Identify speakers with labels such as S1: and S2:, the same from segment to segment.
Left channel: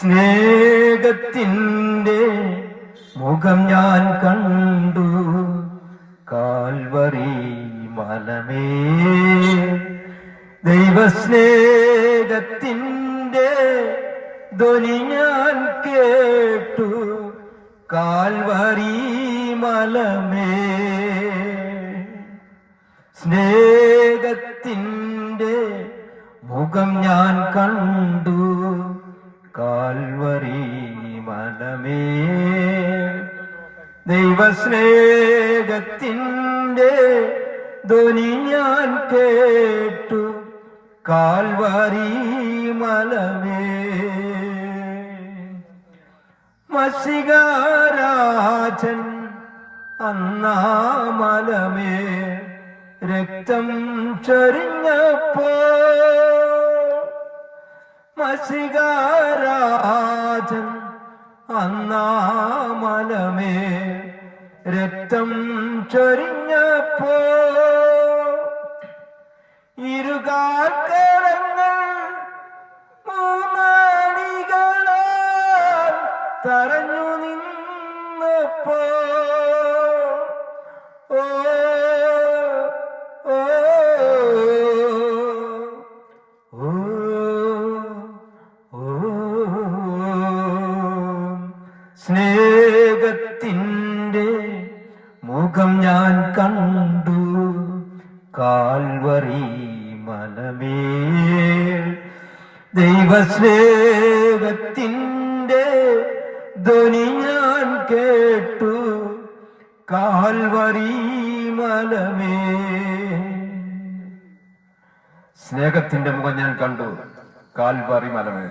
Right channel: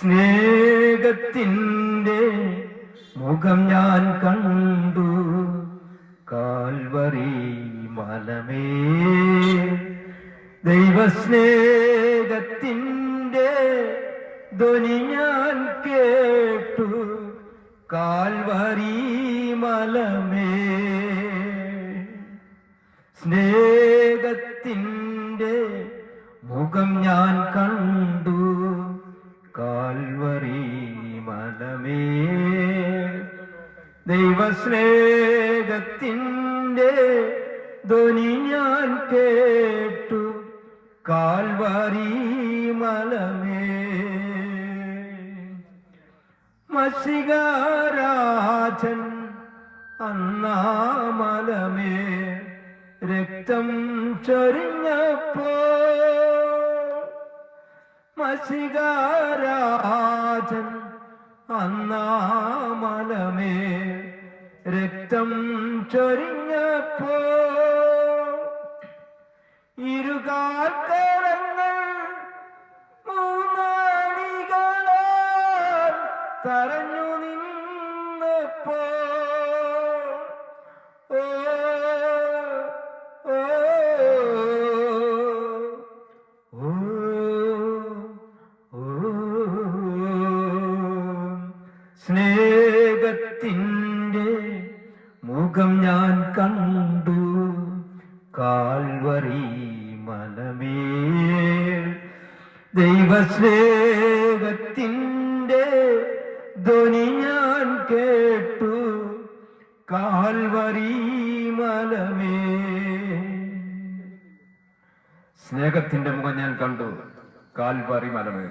S1: സ്നേഹത്തിന്റെ മുഖം ഞാൻ കണ്ടു. കാൽവറി മലമേ. ദൈവസ്നേഹത്തിന്റെ ധ്വനി ഞാൻ കേട്ടു. കാൽവറി മലമേ. സ്നേഹത്തിന്റെ മുഖം ഞാൻ കണ്ടു. കാൽവറി മനമേ. ദൈവസ്നേഹത്തിന്റെ ധ്വനി ഞാൻ കേട്ടു. കാൽവറി മലമേ മഷികാരാജൻ അന്നാമലമേ രക്തം ചൊരിഞ്ഞപ്പോ മഷികാരാജൻ അന്നാമലമേ രക്തം ചൊരിഞ്ഞപ്പോ. ഇരുകാക്കരങ്ങൾ ധ്വനി കേട്ടു. കാൽവറി മലമേ. സ്നേഹത്തിന്റെ മുഖം ഞാൻ കണ്ടു. കാൽവറി മലമേ.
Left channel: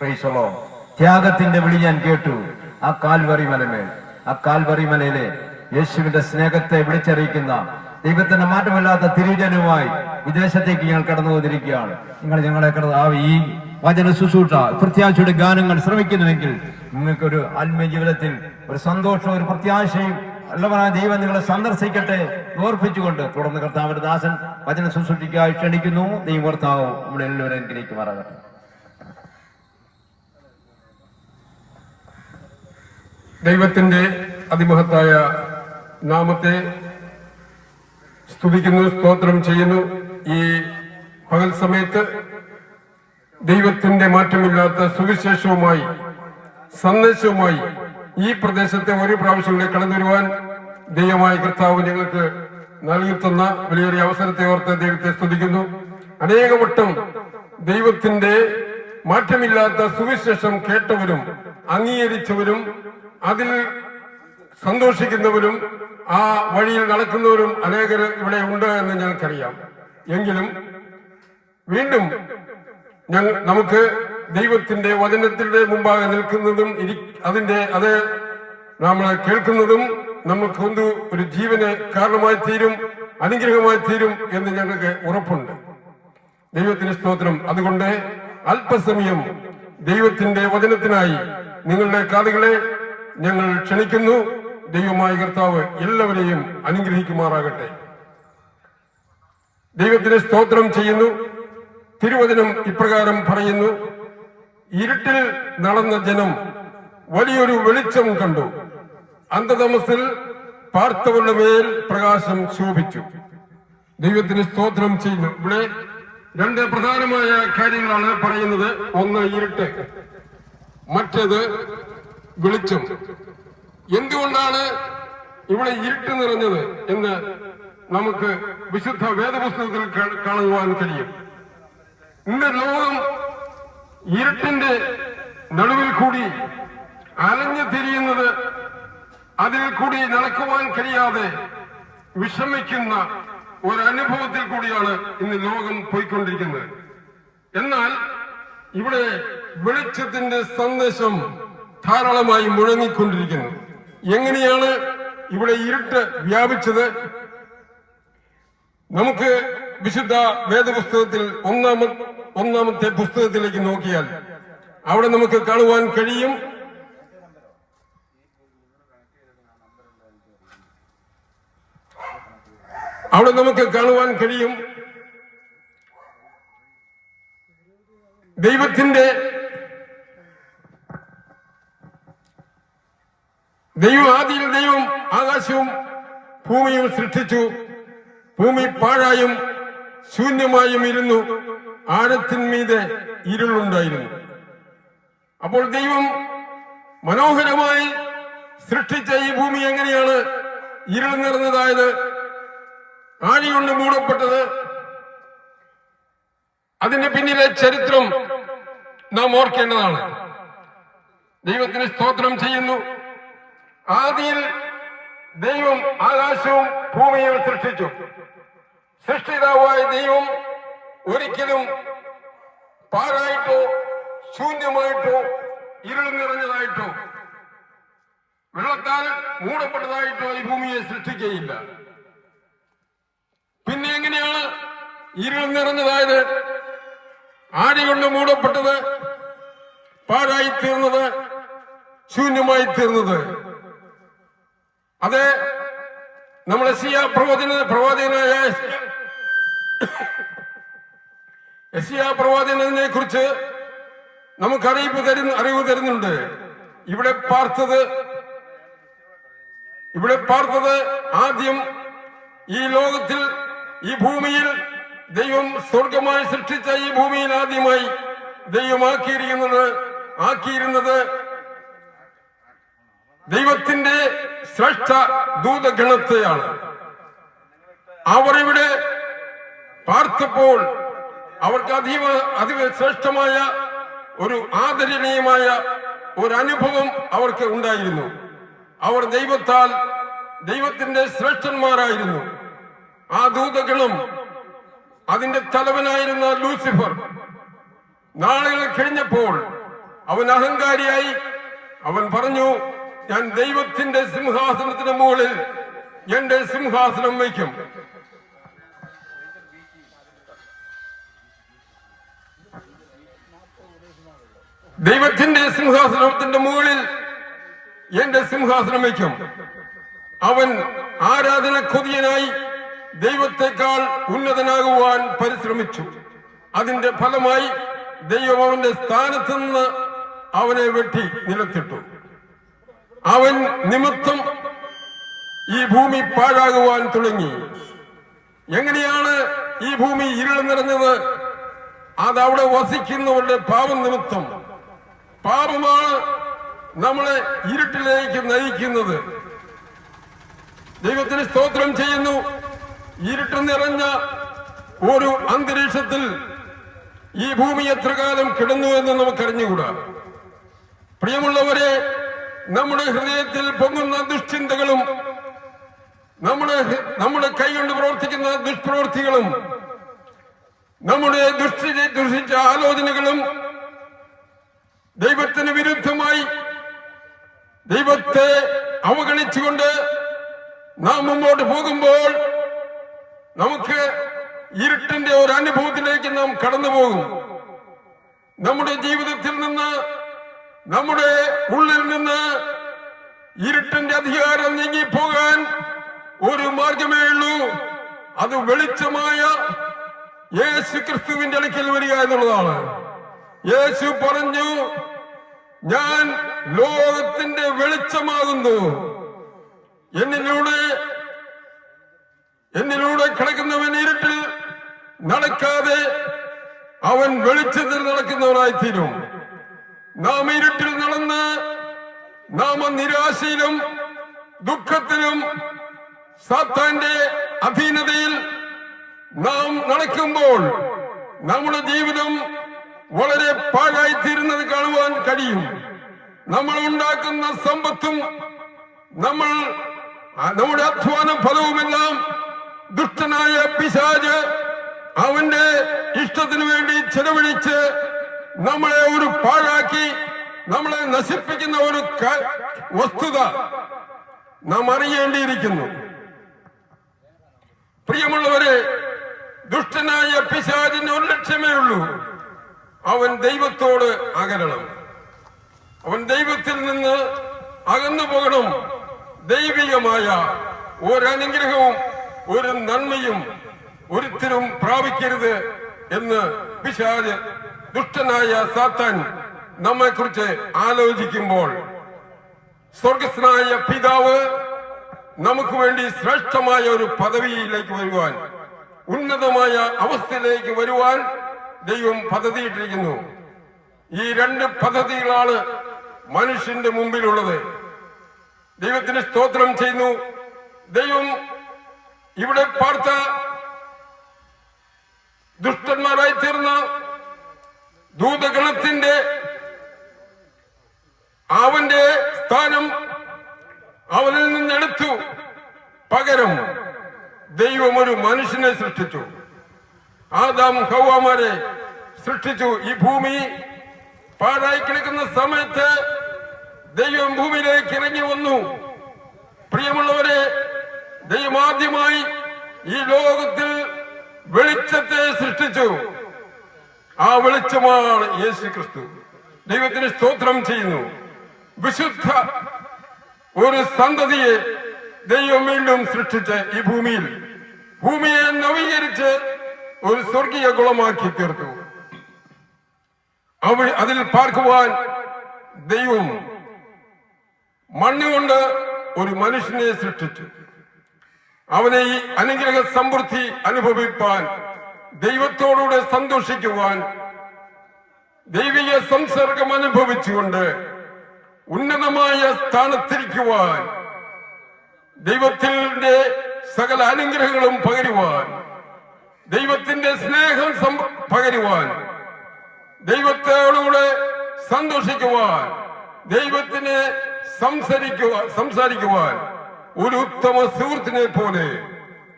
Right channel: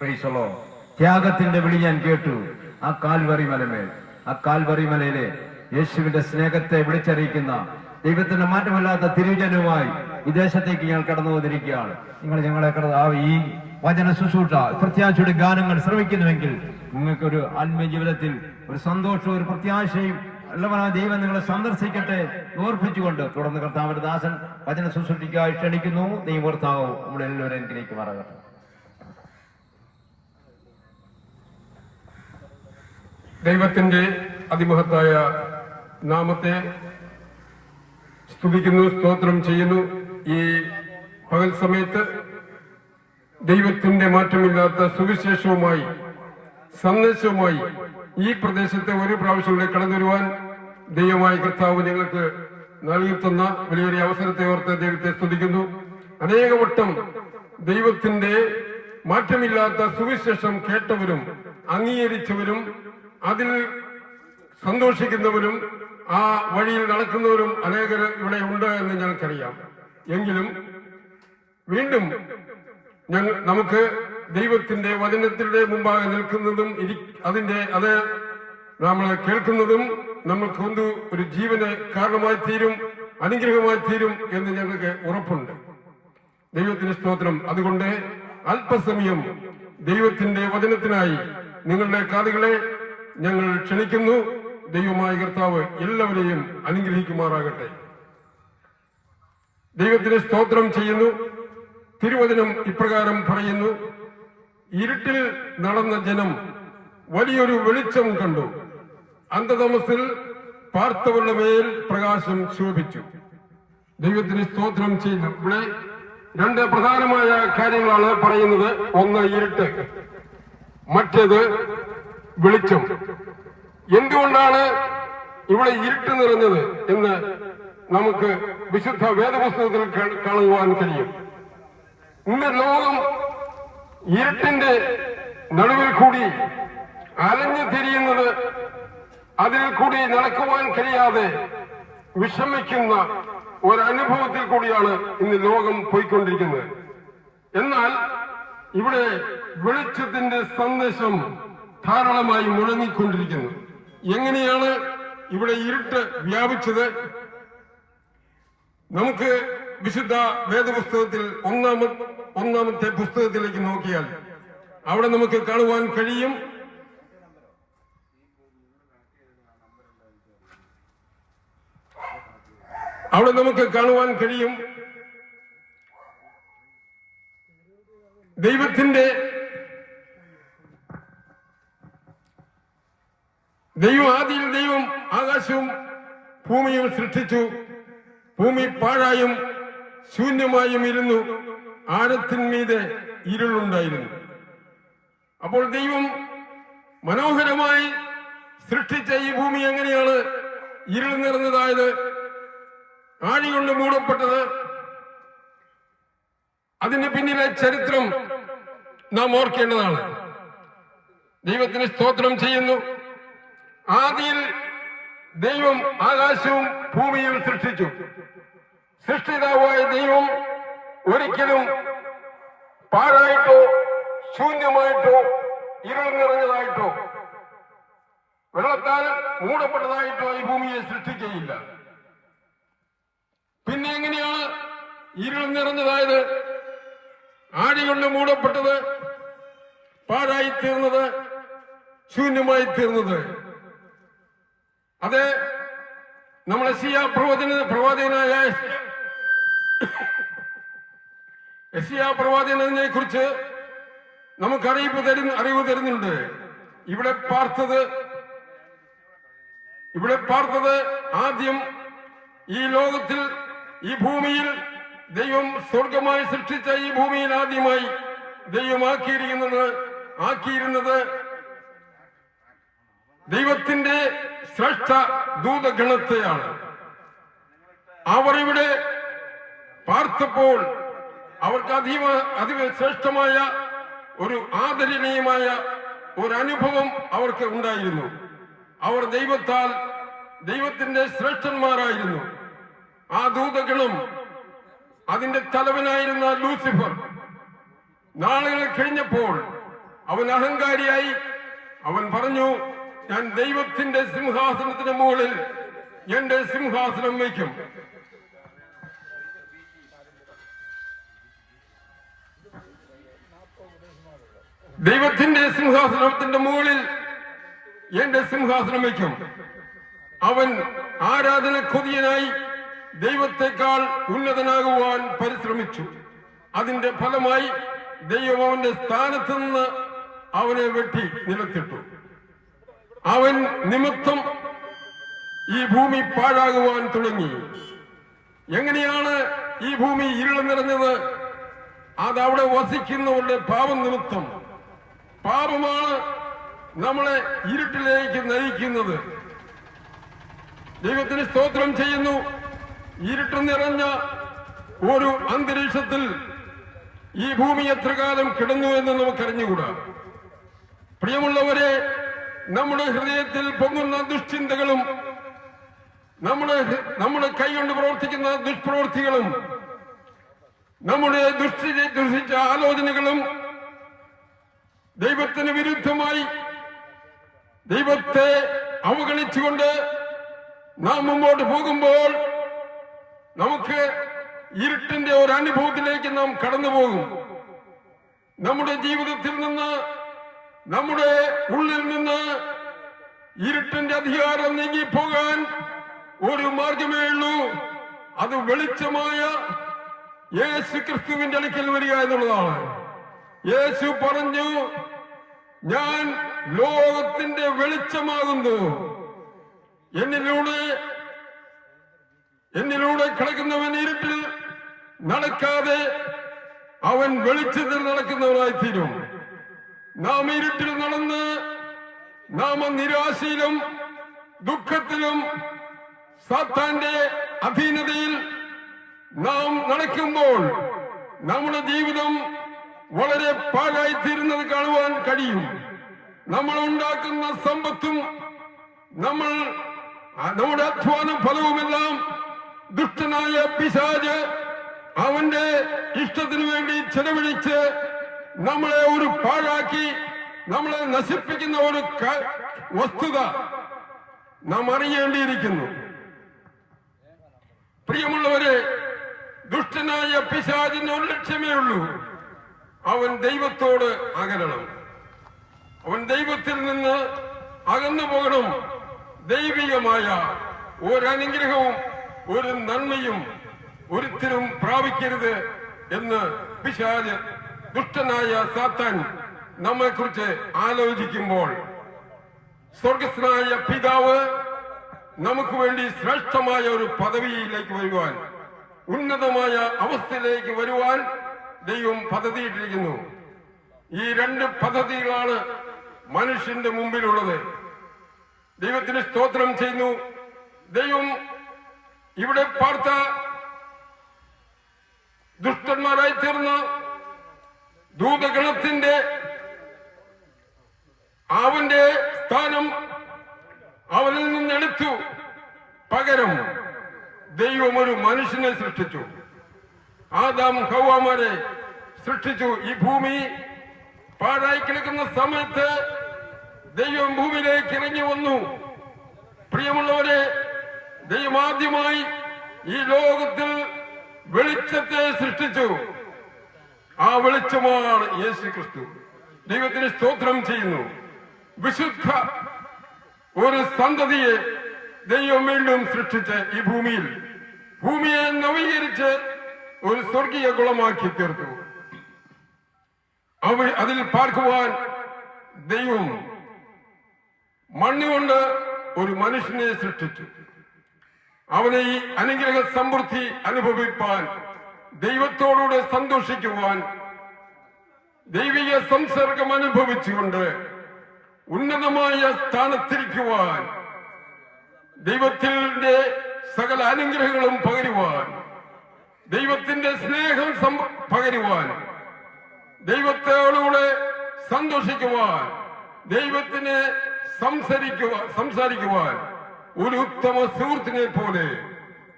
S1: പ്രൈസലോ ത്യാഗത്തിന്റെ വിളി ഞാൻ കേട്ടു. ആ കാൽവറി മലമേ. ആ കാൽവറി മലയിലെ യേശുവിന്റെ സ്നേഹത്തെ വിളിച്ചറിയിക്കുന്ന ദൈവത്തിന്റെ മാറ്റമില്ലാത്ത തിരുജനുമായി വിദേശത്തേക്ക് ഞങ്ങൾ കടന്നു വന്നിരിക്കുകയാണ് നിങ്ങൾ ഞങ്ങളെ കടന്ന് ആ ഈ വചന ശുശ്രൂഷ പ്രത്യാശയുടെ ഗാനങ്ങൾ ശ്രമിക്കുന്നുവെങ്കിൽ നിങ്ങൾക്കൊരു ആത്മീയ ജീവിതത്തിൽ ഒരു സന്തോഷവും ഒരു പ്രത്യാശയും അല്ലവനാ ദൈവം നിങ്ങളെ സന്ദർശിക്കട്ടെ ഓർപ്പിച്ചുകൊണ്ട് തുടർന്ന് കർത്താവിന്റെ ദാസൻ വചന ശുശ്രൂഷിക്കായി ക്ഷണിക്കുന്നു. ദൈവർത്താവും നമ്മുടെ എല്ലാവരും അനുഗ്രഹിക്കുമാറാകട്ടെ
S2: ദൈവത്തിന്റെ അതിമഹത്തായ നാമത്തെ സ്തുതിക്കുന്നു സ്തോത്രം ചെയ്യുന്നു. ഈ പകൽ സമയത്ത് ദൈവത്തിന്റെ മാറ്റമില്ലാത്ത സുവിശേഷവുമായി സന്ദേശവുമായി ഈ പ്രദേശത്തെ ഒരു പ്രാവശ്യം കൂടെ കടന്നു വരുവാൻ ദൈവമായ കർത്താവ് ഞങ്ങൾക്ക് നൽകി തന്ന വലിയൊരു അവസരത്തെ ഓർത്ത് ദൈവത്തെ സ്തുതിക്കുന്നു. അനേകവട്ടം ദൈവത്തിന്റെ മാറ്റമില്ലാത്ത സുവിശേഷം കേട്ടവരും അംഗീകരിച്ചവരും അതിൽ സന്തോഷിക്കുന്നവരും ആ വഴിയിൽ നടക്കുന്നവരും അനേകർ ഇവിടെ ഉണ്ട് എന്ന് ഞങ്ങൾക്കറിയാം. എങ്കിലും വീണ്ടും ഞങ്ങൾ നമുക്ക് ദൈവത്തിന്റെ വചനത്തിന്റെ മുമ്പാകെ നിൽക്കുന്നതും അതിന്റെ അത് നമ്മൾ കേൾക്കുന്നതും നമുക്ക് ഒന്ന് ഒരു ജീവന് കാരണമായി തീരും അനുഗ്രഹമായി തീരും എന്ന് ഞങ്ങൾക്ക് ഉറപ്പുണ്ട്. ദൈവത്തിന് സ്തോത്രം. അതുകൊണ്ട് അല്പസമയം ദൈവത്തിന്റെ വചനത്തിനായി നിങ്ങളുടെ കാതുകളെ ഞങ്ങൾ ക്ഷണിക്കുന്നു. ദൈവമായ കർത്താവ് എല്ലാവരെയും അനുഗ്രഹിക്കുമാറാകട്ടെ. ദൈവത്തിന് സ്തോത്രം ചെയ്യുന്നു. തിരുവചനം ഇപ്രകാരം പറയുന്നു ഇരുട്ടിൽ നടന്ന ജനം വലിയൊരു വെളിച്ചം കണ്ടു. അന്ധതമസിൽ പാർത്തവരുടെ മേൽ പ്രകാശം ശോഭിച്ചു. ദൈവത്തിന് സ്തോത്രം ചെയ്യുന്നു. ഇവിടെ രണ്ട് പ്രധാനമായ കാര്യങ്ങളാണ് പറയുന്നത്. ഒന്ന് ഇരുട്ട് മറ്റേത് വെളിച്ചം. എന്തുകൊണ്ടാണ് ഇവിടെ ഇരുട്ട് നിറഞ്ഞത് എന്ന് നമുക്ക് വിശുദ്ധ വേദപുസ്തകത്തിൽ കാണുവാൻ കഴിയും. ഇന്ന് ലോകം ഇരുട്ടിന്റെ നടുവിൽ കൂടി അലഞ്ഞു തിരിയുന്നത് അതിൽ കൂടി നടക്കുവാൻ കഴിയാതെ വിഷമിക്കുന്ന ഒരനുഭവത്തിൽ കൂടിയാണ് ഇന്ന് ലോകം പോയിക്കൊണ്ടിരിക്കുന്നത്. എന്നാൽ ഇവിടെ വെളിച്ചത്തിന്റെ സന്ദേശം ധാരാളമായി മുഴങ്ങിക്കൊണ്ടിരിക്കുന്നു. എങ്ങനെയാണ് ഇവിടെ ഇരുട്ട് വ്യാപിച്ചത്? നമുക്ക് വിശുദ്ധ വേദപുസ്തകത്തിൽ ഒന്നാമ ഒന്നാമത്തെ പുസ്തകത്തിലേക്ക് നോക്കിയാൽ അവിടെ നമുക്ക് കാണുവാൻ കഴിയും. അവിടെ നമുക്ക് കാണുവാൻ കഴിയും. ദൈവത്തിന്റെ ദൈവം ആദിയിൽ ദൈവം ആകാശവും ഭൂമിയും സൃഷ്ടിച്ചു. ഭൂമി പാഴായും ശൂന്യമായും ഇരുന്നു. ആഴത്തിന്മീതെ ഇരുളുണ്ടായിരുന്നു. അപ്പോൾ ദൈവം മനോഹരമായി സൃഷ്ടിച്ച ഈ ഭൂമി എങ്ങനെയാണ് ഇരുൾ നിറഞ്ഞതായത്? ആഴി കൊണ്ട് മൂടപ്പെട്ടത്. അതിന്റെ പിന്നിലെ ചരിത്രം നാം ഓർക്കേണ്ടതാണ്. ദൈവത്തിന് സ്തോത്രം ചെയ്യുന്നു. ആദിയിൽ ദൈവം ആകാശവും ഭൂമിയും സൃഷ്ടിച്ചു. സൃഷ്ടിതാവായ ദൈവം ഒരിക്കലും പാഴായിട്ടോ ശൂന്യമായിട്ടോ ഇരുൾ നിറഞ്ഞതായിട്ടോ വെള്ളത്താൽ മൂടപ്പെട്ടതായിട്ടോ ഈ ഭൂമിയെ സൃഷ്ടിക്കുകയില്ല. പിന്നെ എങ്ങനെയാണ് ഇരുൾ നിറഞ്ഞതായത്? ആടി കൊണ്ട് മൂടപ്പെട്ടത് പാഴായി തീർന്നത് ശൂന്യമായി തീർന്നത്. അതെ നമ്മളെ സിയ പ്രവചന പ്രവാചകനായ എസിയ പ്രവാചകനെ കുറിച്ച് നമുക്ക് അറിയിപ്പ് തരുന്ന അറിവ് തരുന്നുണ്ട്. ഇവിടെ പാർത്തത് ഇവിടെ പാർത്തത് ആദ്യം ഈ ലോകത്തിൽ ഈ ഭൂമിയിൽ ദൈവം സ്വർഗമായി സൃഷ്ടിച്ച ഈ ഭൂമിയിൽ ആദ്യമായി ദൈവമാക്കിയിരിക്കുന്നത് ആക്കിയിരുന്നത് ദൈവത്തിന്റെ ശ്രേഷ്ഠ ദൂതഗണത്തെയാണ്. അവർ ഇവിടെ പാർത്തപ്പോൾ അവർക്ക് അതീവ അതിവ ശ്രേഷ്ഠമായ ഒരു ആദരണീയമായ ഒരു അനുഭവം അവർക്ക് ഉണ്ടായിരുന്നു. അവർ ദൈവത്താൽ ദൈവത്തിന്റെ ശ്രേഷ്ഠന്മാരായിരുന്നു. ആ ദൂതകളും അതിന്റെ തലവനായിരുന്ന ലൂസിഫർ. നാളുകൾ കഴിഞ്ഞപ്പോൾ അവൻ അഹങ്കാരിയായി. അവൻ പറഞ്ഞു ഞാൻ ദൈവത്തിന്റെ സിംഹാസനത്തിന് മുകളിൽ എന്റെ സിംഹാസനം വയ്ക്കും. ദൈവത്തിന്റെ സിംഹാസനത്തിന്റെ മുകളിൽ എന്റെ സിംഹാസനം വയ്ക്കും. അവൻ ആരാധന കൊതിയനായി ദൈവത്തെക്കാൾ ഉന്നതനാകുവാൻ പരിശ്രമിച്ചു. അതിന്റെ ഫലമായി ദൈവം അവന്റെ സ്ഥാനത്ത് നിന്ന് അവനെ വെട്ടി നിലത്തിട്ടു. അവൻ നിമിത്തം ഈ ഭൂമി പാഴാകുവാൻ തുടങ്ങി. എങ്ങനെയാണ് ഈ ഭൂമി ഇരുൾ നിറഞ്ഞത്? അത് അവിടെ വസിക്കുന്നവരുടെ പാവം നിമിത്തം. പാപമാണ് നമ്മളെ ഇരുട്ടിലേക്ക് നയിക്കുന്നത്. ദൈവത്തിന് സ്തോത്രം ചെയ്യുന്നു. ഇരുട്ട് നിറഞ്ഞ ഒരു അന്തരീക്ഷത്തിൽ ഈ ഭൂമി എത്ര കാലം കിടന്നു എന്ന് നമുക്കറിഞ്ഞുകൂടാ. പ്രിയമുള്ളവരെ നമ്മുടെ ഹൃദയത്തിൽ പൊങ്ങുന്ന ദുഷ്ചിന്തകളും നമ്മുടെ നമ്മുടെ കൈകൊണ്ട് പ്രവർത്തിക്കുന്ന ദുഷ്പ്രവൃത്തികളും നമ്മുടെ ദുഷ്ടി ദുഷിച്ച ആലോചനകളും ദൈവത്തിന് വിരുദ്ധമായി ദൈവത്തെ അവഗണിച്ചുകൊണ്ട് നാം മുമ്പോട്ട് പോകുമ്പോൾ നമുക്ക് ഇരുട്ടിന്റെ ഒരു അനുഭവത്തിലേക്ക് നാം കടന്നു പോകും നമ്മുടെ ജീവിതത്തിൽ നിന്ന് നമ്മുടെ ഉള്ളിൽ നിന്ന് ഇരുട്ടിന്റെ അധികാരം നീങ്ങിപ്പോകാൻ ഒരു മാർഗമേ ഉള്ളൂ. അത് വെളിച്ചമായ യേശു ക്രിസ്തുവിന്റെ അടുക്കൽ വരിക എന്നുള്ളതാണ്. യേശു പറഞ്ഞു ഞാൻ ലോകത്തിന്റെ വെളിച്ചമാകുന്നു. എന്നിലൂടെ എന്നിലൂടെ കിടക്കുന്നവൻ ഇരുട്ടിൽ നടക്കാതെ അവൻ വെളിച്ചത്തിൽ നടക്കുന്നവനായിത്തീരും. നാം ഇരുട്ടിൽ നടന്ന് നാം നിരാശയിലും ദുഃഖത്തിലും സാത്താന്റെ അധീനതയിൽ നാം നടക്കുമ്പോൾ നമ്മുടെ ജീവിതം വളരെ പാഴായി പാഴായിത്തീരുന്നത് കാണുവാൻ കഴിയും. നമ്മൾ ഉണ്ടാക്കുന്ന സമ്പത്തും നമ്മൾ നമ്മുടെ അധ്വാന ഫലവുമെല്ലാം ദുഷ്ടനായ പിശാജ് അവന്റെ ഇഷ്ടത്തിന് വേണ്ടി ചെലവഴിച്ച് നമ്മളെ ഒരു പാഴാക്കി നമ്മളെ നശിപ്പിക്കുന്ന ഒരു വസ്തുത നാം അറിയേണ്ടിയിരിക്കുന്നു. പ്രിയമുള്ളവരെ ദുഷ്ടനായ പിശാജിന് ഒരു ലക്ഷ്യമേ ഉള്ളൂ. അവൻ ദൈവത്തോട് അകലണം. അവൻ ദൈവത്തിൽ നിന്ന് അകന്നു പോകണം. ദൈവികമായ ഒരനുഗ്രഹവും ഒരു നന്മയും ഒരുത്തിനും പ്രാപിക്കരുത് എന്ന് പിശാജ് ദുഷ്ടനായ സാത്താൻ നമ്മെക്കുറിച്ച് ആലോചിക്കുമ്പോൾ സ്വർഗസ്നായ പിതാവ് നമുക്ക് വേണ്ടി ശ്രേഷ്ഠമായ ഒരു പദവിയിലേക്ക് വരുവാൻ ഉന്നതമായ അവസ്ഥയിലേക്ക് വരുവാൻ ദൈവം പദ്ധതിയിട്ടിരിക്കുന്നു. ഈ രണ്ട് പദ്ധതികളാണ് മനുഷ്യന്റെ മുമ്പിലുള്ളത്. ദൈവത്തിന് സ്തോത്രം ചെയ്യുന്നു. ദൈവം ഇവിടെ പാർത്ത ദുഷ്ടന്മാരായി തീർന്ന ദൂതഗണത്തിന്റെ അവന്റെ സ്ഥാനം അവനിൽ നിന്നെടുത്തു പകരം ദൈവം ഒരു മനുഷ്യനെ സൃഷ്ടിച്ചു. ആദാം ഹൗവാമാരെ സൃഷ്ടിച്ചു ഈ ഭൂമി. പാഴായി കിടക്കുന്ന സമയത്ത് ദൈവം ഭൂമിയിലേക്ക് ഇറങ്ങി വന്നു. പ്രിയമുള്ളവരെ ദൈവം ആദ്യമായി ഈ ലോകത്തിൽ വെളിച്ചത്തെ സൃഷ്ടിച്ചു. ആ വെളിച്ചമാണ് യേശു ക്രിസ്തു ദൈവത്തിന് സ്തോത്രം ചെയ്യുന്നു. വിശുദ്ധ ഒരു സന്തതിയെ ദൈവം വീണ്ടും സൃഷ്ടിച്ച് ഈ ഭൂമിയിൽ. ഭൂമിയെ നവീകരിച്ച് ഒരു സ്വർഗീയ കുളമാക്കി തീർത്തു. അവ അതിൽ പാർക്കുവാൻ ദൈവം മണ്ണുകൊണ്ട് ഒരു മനുഷ്യനെ സൃഷ്ടിച്ചു. അവനെ ഈ അനുഗ്രഹ സമൃദ്ധി അനുഭവിപ്പാൻ ദൈവത്തോടുകൂടെ സന്തോഷിക്കുവാൻ ദൈവിക സംസർഗം അനുഭവിച്ചുകൊണ്ട് ഉന്നതമായ സ്ഥാനത്തിരിക്കുവാൻ ദൈവത്തിന്റെ സകല അനുഗ്രഹങ്ങളും പകരുവാൻ ദൈവത്തിന്റെ സ്നേഹം പകരുവാൻ ദൈവത്തോടുകൂടെ സന്തോഷിക്കുവാൻ ദൈവത്തിന് സംസാരിക്കുവാൻ സംസാരിക്കുവാൻ ഒരു ഉത്തമ സുഹൃത്തിനെ പോലെ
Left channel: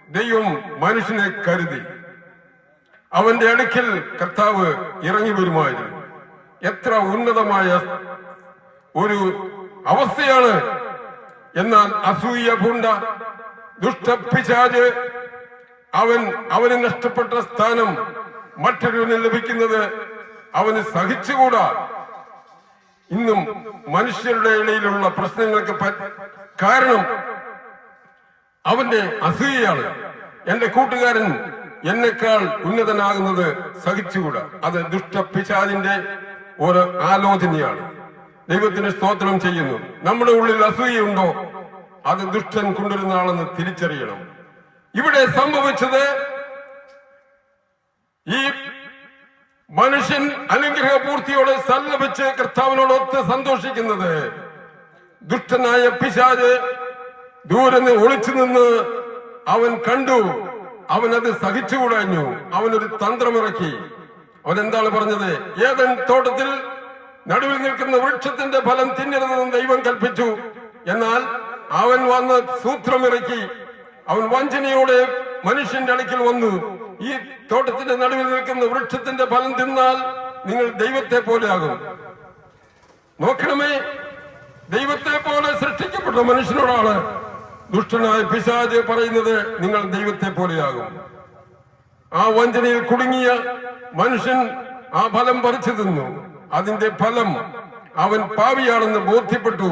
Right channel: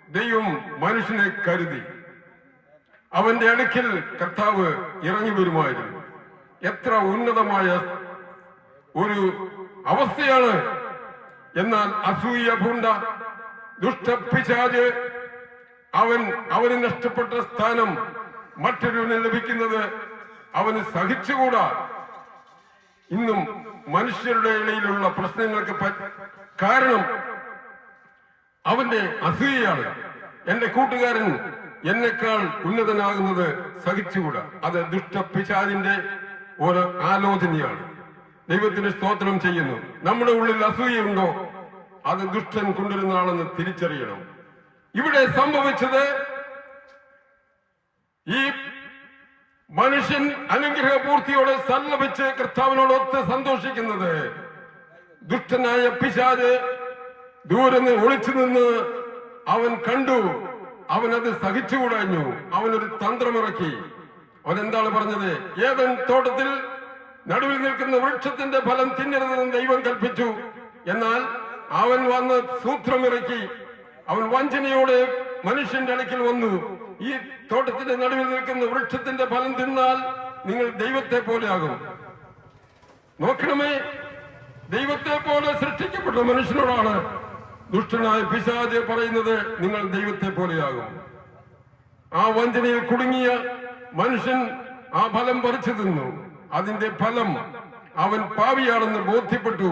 S2: ദൈവം മനുഷ്യനെ കരുതി. അവന്റെ അടുക്കൽ കർത്താവ് ഇറങ്ങി വരുമായിരുന്നു. എത്ര ഉന്നതമായ ഒരു അവസ്ഥയാണ്. എന്നാൽ അസൂയ പൂണ്ട ദുഷ്ടപ്പിശാജ് അവൻ അവന് നഷ്ടപ്പെട്ട സ്ഥാനം മറ്റൊരുവന് ലഭിക്കുന്നത് അവന് സഹിച്ചുകൂടാ. ഇന്നും മനുഷ്യരുടെ ഇടയിലുള്ള പ്രശ്നങ്ങൾക്ക് കാരണം അവന്റെ അസൂയയാണ്. എന്റെ കൂട്ടുകാരൻ എന്നെക്കാൾ ഉന്നതനാകുന്നത് സഹിച്ചുകൂടാ. അത് ദുഷ്ടപിശാദിന്റെ ഒരു ആലോചനയാണ്. ദൈവത്തിന് സ്തോത്രം ചെയ്യുന്നു. നമ്മുടെ ഉള്ളിൽ അസൂയുണ്ടോ അത് ദുഷ്ടൻ കൊണ്ടുവരുന്ന ആളെന്ന് തിരിച്ചറിയണം. ഇവിടെ സംഭവിച്ചത് ഈ മനുഷ്യൻ അനുഗ്രഹ പൂർത്തിയോടെ സല്ലപിച്ച് കർത്താവിനോടൊത്ത് സന്തോഷിക്കുന്നത്. ദുഷ്ടനായ പിശാജ് ദൂരെ ഒളിച്ചു നിന്ന് അവൻ കണ്ടു. അവൻ അത് സഹിച്ചുകൂടാഞ്ഞു. അവനൊരു തന്ത്രമിറക്കി. അവൻ എന്താണ് പറഞ്ഞത്? ഏതൻ തോട്ടത്തിൽ നടുവിൽ നിൽക്കുന്ന വൃക്ഷത്തിന്റെ ഫലം തിന്നരുതെന്ന് ദൈവം കൽപ്പിച്ചു. എന്നാൽ അവൻ വന്ന് സൂത്രമിറക്കി. അവൻ വഞ്ചനയോടെ മനുഷ്യന്റെ അടുക്കിൽ വന്നു. ഈ തോട്ടത്തിന്റെ നടുവിൽ നിൽക്കുന്ന വൃക്ഷത്തിന്റെ ഫലം തിന്നാൽ നിങ്ങൾ ദൈവത്തെ പോലെയാകും. നോക്കണമേ ദൈവത്തെ പോലെ സൃഷ്ടിക്കപ്പെട്ട മനുഷ്യനോടാണ് ദുഷ്ടനായ പിശാജ് പറയുന്നത് നിങ്ങൾ ദൈവത്തെ പോലെയാകും. ആ വഞ്ചനയിൽ കുടുങ്ങിയ മനുഷ്യൻ ആ ഫലം പറിച്ചു തിന്നു. അതിന്റെ ഫലം അവൻ പാവിയാണെന്ന് ബോധ്യപ്പെട്ടു.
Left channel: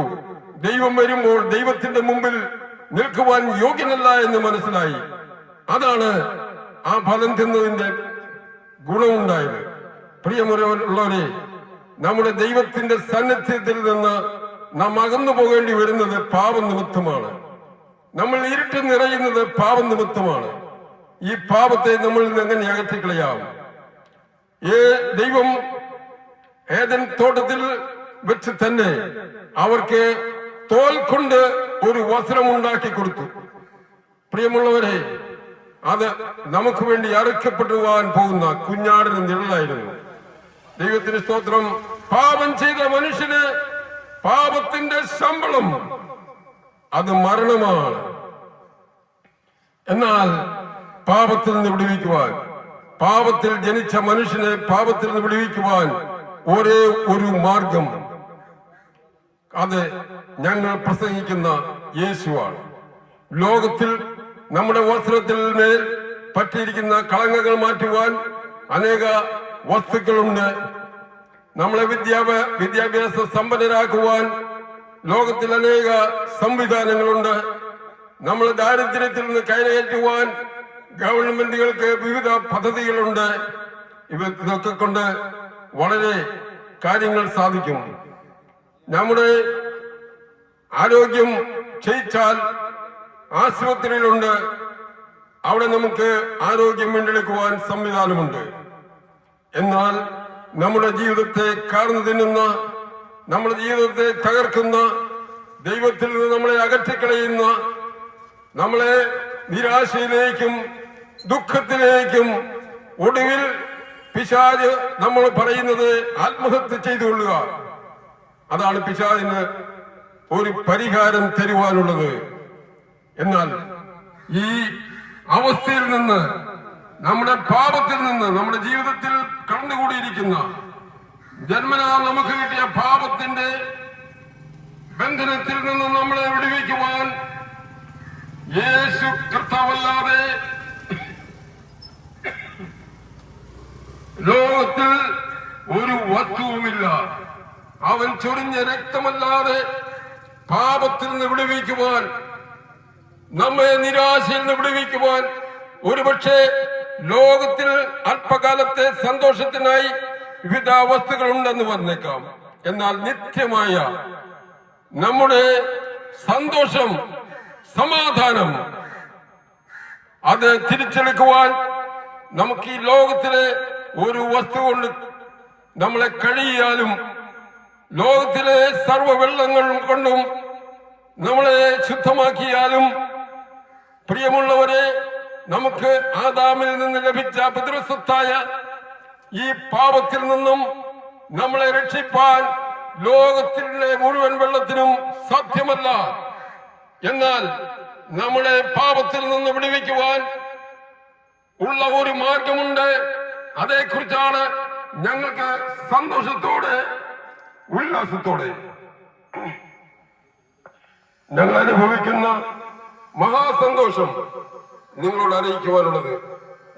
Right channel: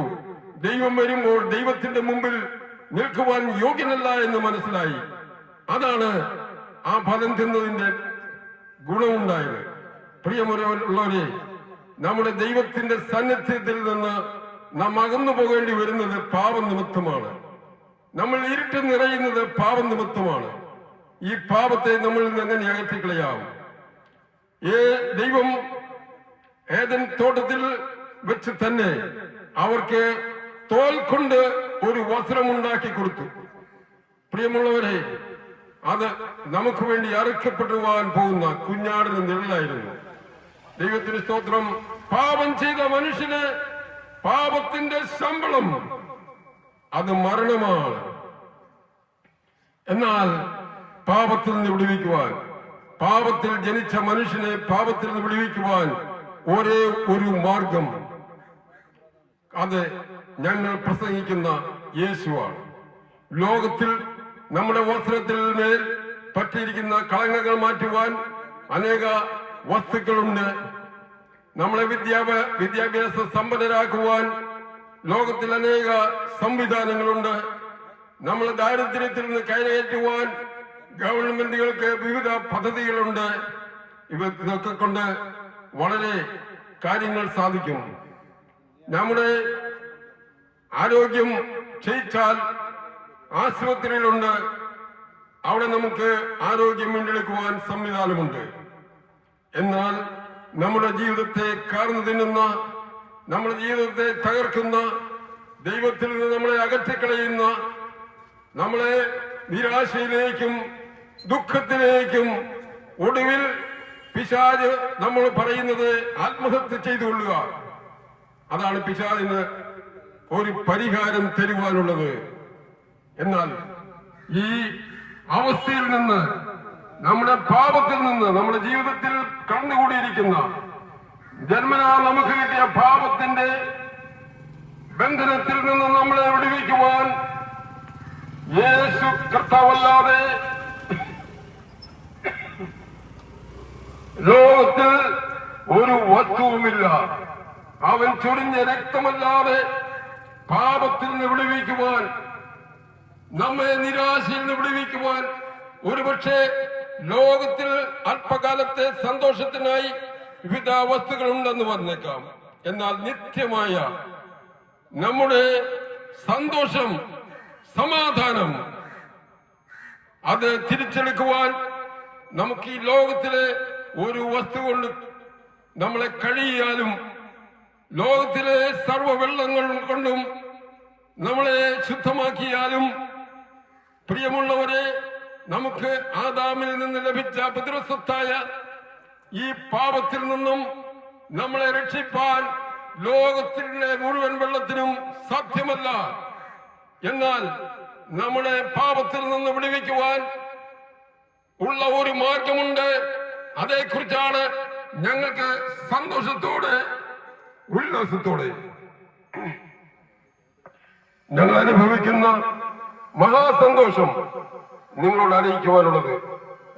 S2: ദൈവം വരുമ്പോൾ ദൈവത്തിന്റെ മുമ്പിൽ നിൽക്കുവാൻ യോഗ്യനല്ല എന്ന് മനസ്സിലായി. അതാണ് ആ ഫലം തിന്നതിന്റെ ഗുണമുണ്ടായത്. പ്രിയമുള്ളവരെ നമ്മുടെ ദൈവത്തിന്റെ സാന്നിധ്യത്തിൽ നിന്ന് നാം അകന്നു പോകേണ്ടി വരുന്നത് പാപനിമിത്തമാണ് നമ്മൾ ഇരുട്ട് നിറയുന്നത് പാപനിമിത്തമാണ് ഈ പാപത്തെ നമ്മൾ എങ്ങനെ അകറ്റിക്കളയാവും ഏ ദൈവം ഏതൻ തോട്ടത്തിൽ വെച്ച് തന്നെ അവർക്ക് തോൽ കൊണ്ട് ഒരു വസ്ത്രം ഉണ്ടാക്കി കൊടുത്തു. പ്രിയമുള്ളവരെ അത് നമുക്ക് വേണ്ടി അറുക്കപ്പെടുവാൻ പോകുന്ന കുഞ്ഞാടിന് നിഴലായിരുന്നു. ദൈവത്തിന് സ്തോത്രം. പാപം ചെയ്ത മനുഷ്യന് പാപത്തിന്റെ ശമ്പളം. അത് മരണമാണ്. എന്നാൽ പാപത്തിൽ നിന്ന് വിടുവിക്കുവാൻ പാപത്തിൽ ജനിച്ച മനുഷ്യനെ പാപത്തിൽ നിന്ന് വിടുവിക്കുവാൻ ഒരേ ഒരു മാർഗം. അത് ഞങ്ങൾ പ്രസംഗിക്കുന്ന യേശുവാണ്. ലോകത്തിൽ നമ്മുടെ വസ്ത്രത്തിൽ മേൽ പറ്റിയിരിക്കുന്ന കളങ്കങ്ങൾ മാറ്റുവാൻ അനേക വസ്തുക്കളുണ്ട്. നമ്മളെ വിദ്യാഭ്യാസ വിദ്യാഭ്യാസ സമ്പന്നരാക്കുവാൻ ലോകത്തിൽ അനേക സംവിധാനങ്ങളുണ്ട്. നമ്മൾ ദാരിദ്ര്യത്തിൽ നിന്ന് കയറേറ്റുവാൻ ഗവൺമെന്റുകൾക്ക് വിവിധ പദ്ധതികളുണ്ട്. ഇവ ഇതൊക്കെ കൊണ്ട് വളരെ കാര്യങ്ങൾ സാധിക്കും. നമ്മുടെ ആരോഗ്യം ക്ഷയിച്ചാൽ ആശുപത്രിയിലുണ്ട്. അവിടെ നമുക്ക് ആരോഗ്യം വീണ്ടെടുക്കുവാൻ സംവിധാനമുണ്ട്. എന്നാൽ നമ്മുടെ ജീവിതത്തെ കാർന്നു തിന്നുന്ന നമ്മുടെ ജീവിതത്തെ തകർക്കുന്ന ദൈവത്തിൽ നിന്ന് നമ്മളെ അകറ്റിക്കളയുന്ന നമ്മളെ നിരാശയിലേക്കും ദുഃഖത്തിലേക്കും ഒടുവിൽ പിശാജ് നമ്മൾ പറയുന്നത് ആത്മഹത്യ ചെയ്തുകൊള്ളുക. അതാണ് പിശാജിന് ഒരു പരിഹാരം തരുവാനുള്ളത്. എന്നാൽ ഈ അവസ്ഥയിൽ നിന്ന് നമ്മുടെ പാപത്തിൽ നിന്ന് നമ്മുടെ ജീവിതത്തിൽ കണ്ടുകൂടിയിരിക്കുന്ന ജന്മനാ നമുക്ക് കിട്ടിയ പാപത്തിന്റെ ബന്ധനത്തിൽ നിന്ന് നമ്മളെ വിടുവിക്കുവാൻ യേശു കർത്താവല്ലാതെ ലോകത്തിൽ ഒരു വസ്തുവുമില്ല. അവൻ ചൊരിഞ്ഞ രക്തമല്ലാതെ പാപത്തിൽ നിന്ന് വിടുവിക്കുവാൻ നമ്മെ നിരാശയിൽ നിന്ന് വിടുവിക്കുവാൻ ഒരുപക്ഷെ ലോകത്തിൽ അല്പകാലത്തെ സന്തോഷത്തിനായി വിവിധ വസ്തുക്കൾ ഉണ്ടെന്ന് വന്നേക്കാം. എന്നാൽ നിത്യമായ നമ്മുടെ സന്തോഷം സമാധാനം അത് തിരിച്ചെടുക്കുവാൻ നമുക്ക് ഈ ലോകത്തിലെ ഒരു വസ്തു കൊണ്ട് നമ്മളെ കഴിയാലും ലോകത്തിലെ സർവ വെള്ളങ്ങളും കൊണ്ടും നമ്മളെ ശുദ്ധമാക്കിയാലും പ്രിയമുള്ളവരെ നമുക്ക് ആദാമിൽ നിന്ന് ലഭിച്ച പിതൃസ്വത്തായ ഈ പാപത്തിൽ നിന്നും നമ്മളെ രക്ഷിപ്പാൻ ലോകത്തിലെ മുഴുവൻ വെള്ളത്തിനും സാധ്യമല്ല. എന്നാൽ നമ്മളെ പാപത്തിൽ നിന്ന് വിടുവിക്കുവാൻ ഉള്ള ഒരു മാർഗമുണ്ട്. അതേക്കുറിച്ചാണ് ഞങ്ങൾക്ക് സന്തോഷത്തോടെ ഉല്ലാസത്തോടെ ഞങ്ങൾ അനുഭവിക്കുന്ന മഹാസന്തോഷം നിങ്ങളോട് അറിയിക്കുവാനുള്ളത്.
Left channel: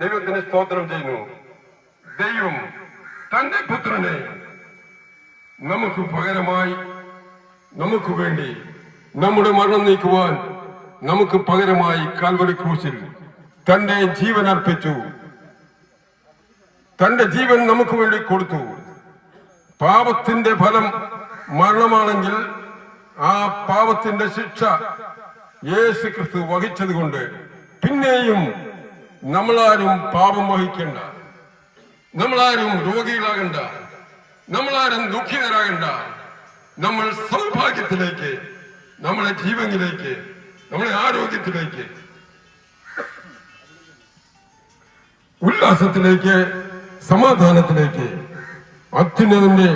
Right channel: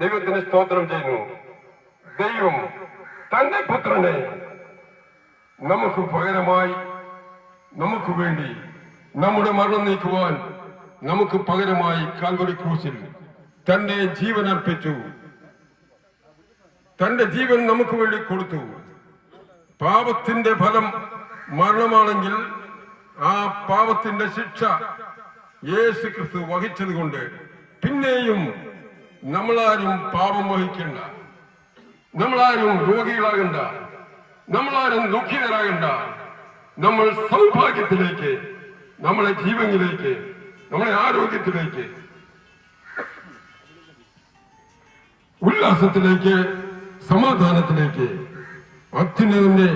S2: ദൈവത്തിന് സ്തോത്രം ചെയ്യുന്നു. ദൈവം തന്റെ പുത്രനെ നമുക്ക് പകരമായി നമുക്ക് വേണ്ടി നമ്മുടെ മരണം നീക്കുവാൻ നമുക്ക് പകരമായി കാൽവരി ക്രൂശിൽ തന്റെ ജീവൻ അർപ്പിച്ചു. തന്റെ ജീവൻ നമുക്ക് വേണ്ടി കൊടുത്തു. പാപത്തിന്റെ ഫലം മരണമാണെങ്കിൽ ആ പാപത്തിന്റെ ശിക്ഷ യേശു ക്രിസ്തു വഹിച്ചത് കൊണ്ട് പിന്നെയും നമ്മളാരും പാപം വഹിക്കണ്ട. നമ്മളാരും രോഗികളാകണ്ട. നമ്മളാരും ദുഃഖിതരാകണ്ട. നമ്മൾ സൗഭാഗ്യത്തിലേക്ക് നമ്മളെ ജീവനിലേക്ക് നമ്മളെ ആരോഗ്യത്തിലേക്ക് ഉല്ലാസത്തിലേക്ക് സമാധാനത്തിലേക്ക് അത്യുന്നതന്റെ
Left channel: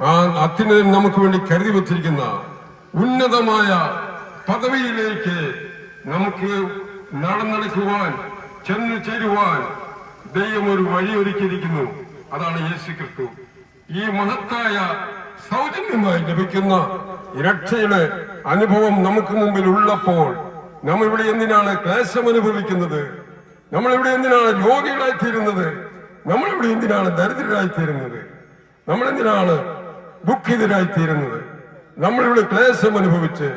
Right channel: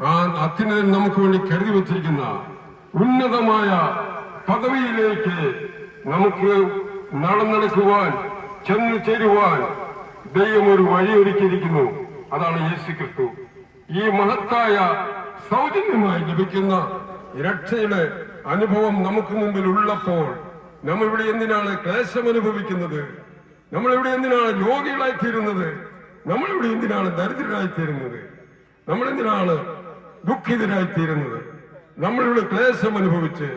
S2: ആ അത്യുന്നതൻ നമുക്ക് വേണ്ടി കരുതി വച്ചിരിക്കുന്ന ഉന്നതമായ പദവിയിലേക്ക് നമുക്ക് നടന്നെടുക്കുവാൻ ചെന്നു ചേരുവാൻ ദൈവം ഒരു വഴിയൊരുക്കിയിരിക്കുന്നു. അതാണ് യേശു ക്രിസ്തു. ഈ മഹത്തായ സൗജന്യമായി ലഭിക്കുന്ന രക്ഷയുടെ അനുഭവം നമുക്ക് മുമ്പിൽ ഉള്ളപ്പോൾ നമ്മൾ ഇവിടെ എന്തിനാണ് ക്ലേശം അനുഭവിക്കുന്നത്? നമ്മൾ ഇവിടെ എന്തിനാണ് രോഗികളായി തീരുന്നത് നമ്മളിവിടെ എന്തിനാണ് ദരിദ്രരായി തീരുന്നത് നമ്മൾ എന്തിനാണ് ദുഃഖിതരായി തീരുന്നത് നമ്മളിവിടെ ക്ലേശം അനുഭവിച്ച്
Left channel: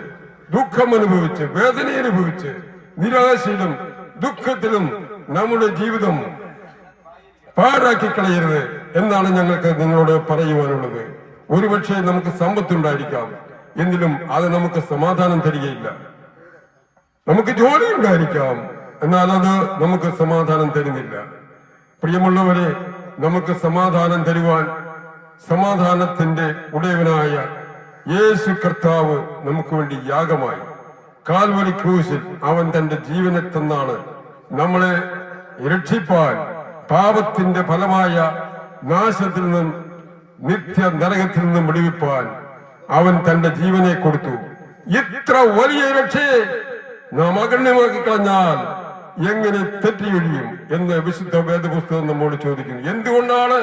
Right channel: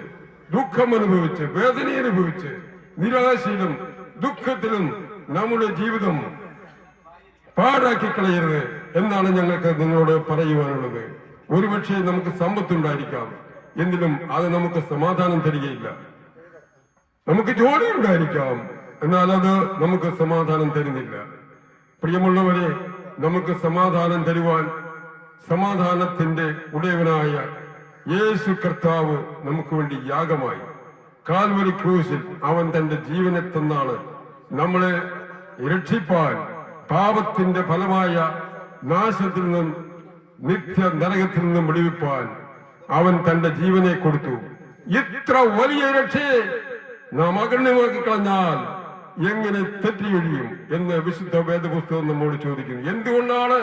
S2: ദുഃഖം അനുഭവിച്ച് വേദന അനുഭവിച്ച് നിരാശയിലും ദുഃഖത്തിലും നമ്മുടെ ജീവിതം പാഴാക്കി കളയരുത് എന്നാണ് ഞങ്ങൾക്ക് നിങ്ങളോട് പറയുവാനുള്ളത്. ഒരുപക്ഷെ നമുക്ക് സമ്പത്തുണ്ടായിരിക്കാം എങ്കിലും അത് നമുക്ക് സമാധാനം തരികയില്ല. നമുക്ക് ജോലി ഉണ്ടായിരിക്കാം എന്നാൽ അത് നമുക്ക് സമാധാനം തരുന്നില്ല. പ്രിയമുള്ളവരെ നമുക്ക് സമാധാനം തരുവാൻ സമാധാനത്തിന്റെ ഉടയവനായ യേശു കർത്താവ് നമുക്ക് വേണ്ടി യാഗമായി. കാൽവരി ക്രൂശിൽ അവൻ തന്റെ ജീവനെ തന്നാണ് നമ്മളെ രക്ഷിപ്പാൻ പാപത്തിന്റെ ഫലമായ നാശത്തിൽ നിന്നും നിത്യ നരകത്തിൽ നിന്നും വിടുവിപ്പാൻ അവൻ തന്റെ ജീവനെ കൊടുത്തു. ഇത്ര വലിയ രക്ഷയെ നാം അഗണ്യമാക്കി കളഞ്ഞാൽ എങ്ങനെ തെറ്റിയൊഴിയും എന്ന് വിശുദ്ധ വേദപുസ്തകം നമ്മോട് ചോദിക്കുന്നു. എന്തുകൊണ്ടാണ്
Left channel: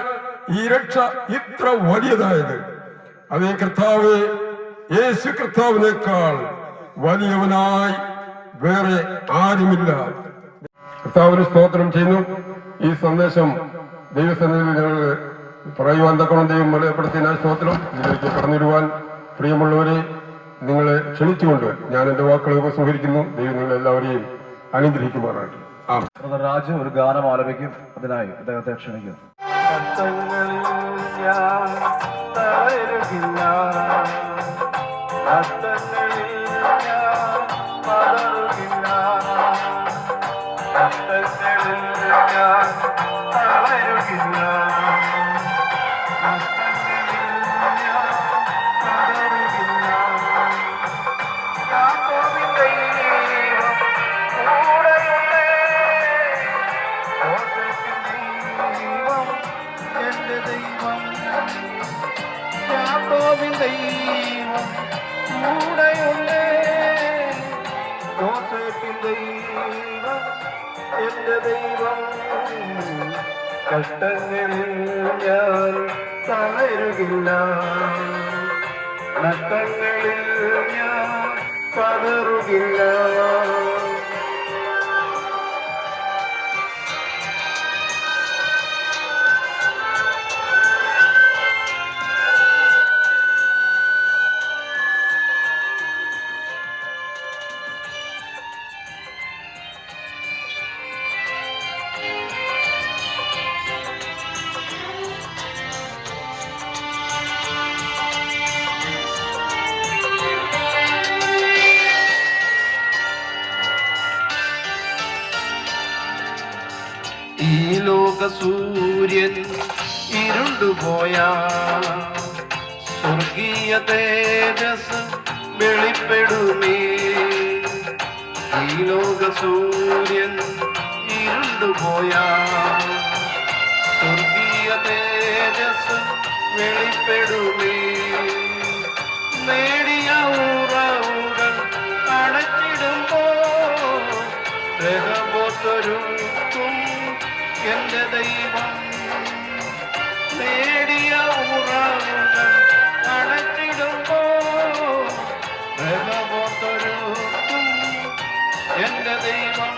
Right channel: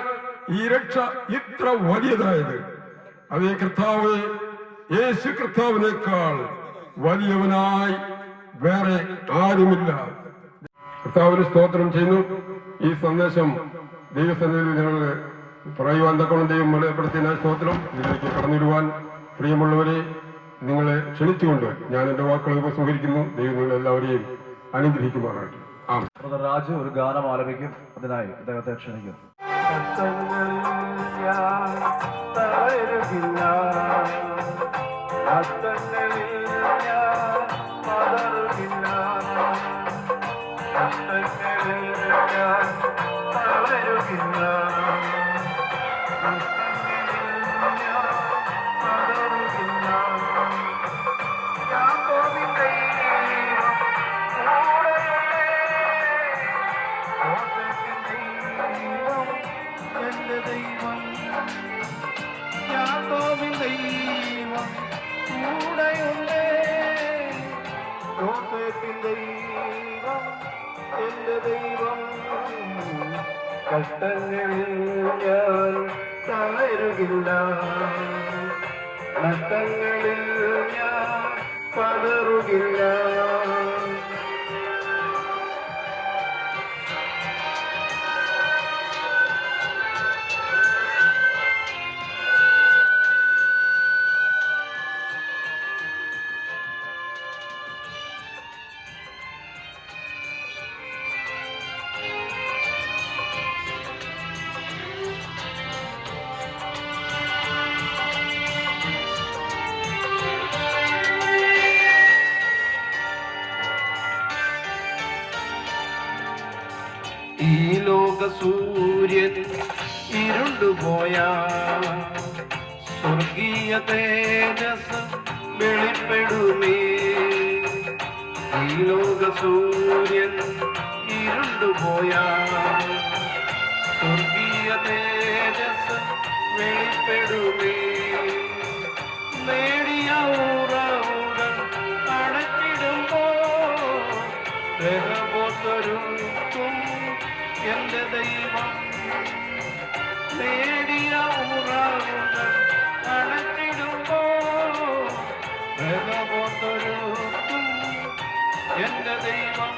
S2: ഈ രക്ഷ ഇത്ര വലിയതായത്? അതേ കർത്താവ് യേശു കർത്താവിനേക്കാൾ വലിയവനായി വേറെ ആരുമില്ല. കർത്താവിന് സ്തോത്രം ചെയ്യുന്നു. ഈ സന്ദേശം ദൈവസന്നിധി ഞങ്ങൾ പറയുവാൻ തക്കണം ദൈവം വെളിപ്പെടുത്തിയ സ്തോത്രം. ഇതിലേക്ക് കടന്നിടുവാൻ പ്രിയമുള്ളവരെ നിങ്ങളെ ക്ഷണിച്ചുകൊണ്ട് ഞാൻ എന്റെ വാക്കുകൾ ഉപസംഹരിക്കുന്നു. ദൈവം നിങ്ങൾ എല്ലാവരെയും അനുഗ്രഹിക്കുമാറാണ്
S3: രാജു ഒരു ഗാനം ആലപിക്കും. അതിനായി അദ്ദേഹത്തെ ക്ഷണിക്കുന്നു.
S4: பதறுகின்றார் ரத்தங்களில் ஞான் பதறுகின்றார் ரத்தங்களில் ஞான் தளருகின்றார் ரத்தங்களில் ஞான் பதறுகின்றார் യാക്കോബിൻ ദൈവം കൂടെയുള്ളേ യോസേഫിൻ ദൈവം എന്റെ ദൈവം കഷ്ടങ്ങളിൽ ഞാൻ തളരുകില്ല നഷ്ടങ്ങളിൽ ഞാൻ കതറുകില്ല ഈ ലോക സൂര്യൻ ഇരുണ്ടുപോയ. സ്വർഗീയ തേജസ് വെളിപ്പെടുമേ. ഈ ലോക സൂര്യൻ ഇരുണ്ടുപോയ. സ്വർഗീയ തേജസ് വെളിപ്പെടുമേ. നേടിയ ഉറവുകൾ അടച്ചിടുമ്പോ രഹബോത്തൊരുക്കും എന്റെ ദൈവം നേടിയ ഉറവുകൾ അടച്ചിടുമ്പോ എന്റെ ദൈവം